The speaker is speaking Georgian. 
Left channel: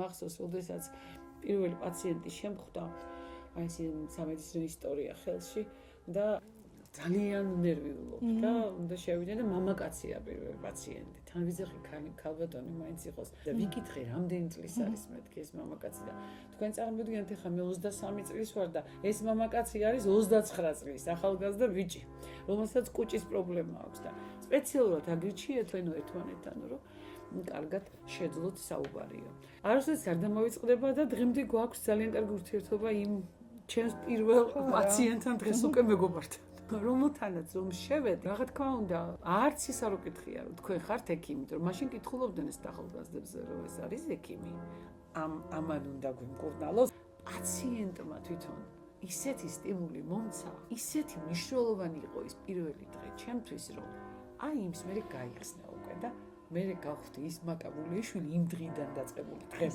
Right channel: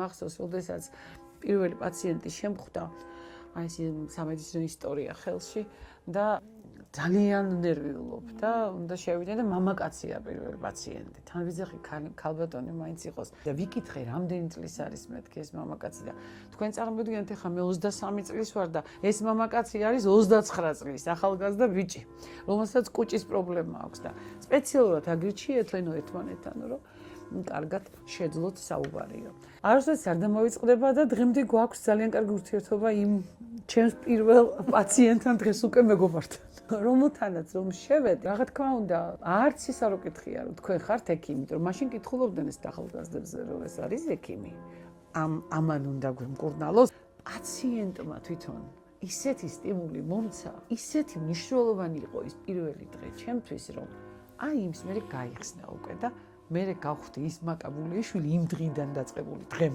მახსოვს, როდესაც პირველი პაციენტი შემხვდა, აი ეს სამედიცინო ისტორია ხელში და ძალიან ნერვიულობდა, უნდა შევიდე და მამაკაცია პირველი პაციენტი. თან ვიძახი ქალბატონი მაინც იყოს და ვიკითხე რამდენი წლის არის მეთქი ეს მამაკაცი და თქვენ წარმოგიდგენთ ახლა მე 23 წლის ვარ და ეს მამაკაცი არის 29 წლის ახალგაზრდა ბიჭი, რომელსაც კუჭის პრობლემა აქვს და სპეციალურად აგირჩიეთ ლენო ერთმანეთთან, რომ კარგად შეძლოთ საუბარიო. არასდროს არ დამოვიწყდება და დღემდე გვაქვს ძალიან კარგი ურთიერთობა იმ ჩემს პირველ პაციენტთან დღეს უკვე მეგობართან. რომელთანაც რომ შევედი, რა თქმა უნდა, არც ის არ უკითხია, რომ თქვენ ხართ ექიმი, რომ მაშინ კითხულობდნენ ეს ახალგაზრდებს, რომ ეს არის ექიმი. ამან უნდა გვიმკურნალოს. პაციენტმა თვითონ ისეთი სტიმული მომცა, ისეთი მნიშვნელოვანი იყო ის პირველი დღე ჩემთვის, რომ აი იმს მე გაიხსნა უკვე და მე გავხდი ის მაკაბულიშვილი იმ დღიდან დაწყებული დღემდე.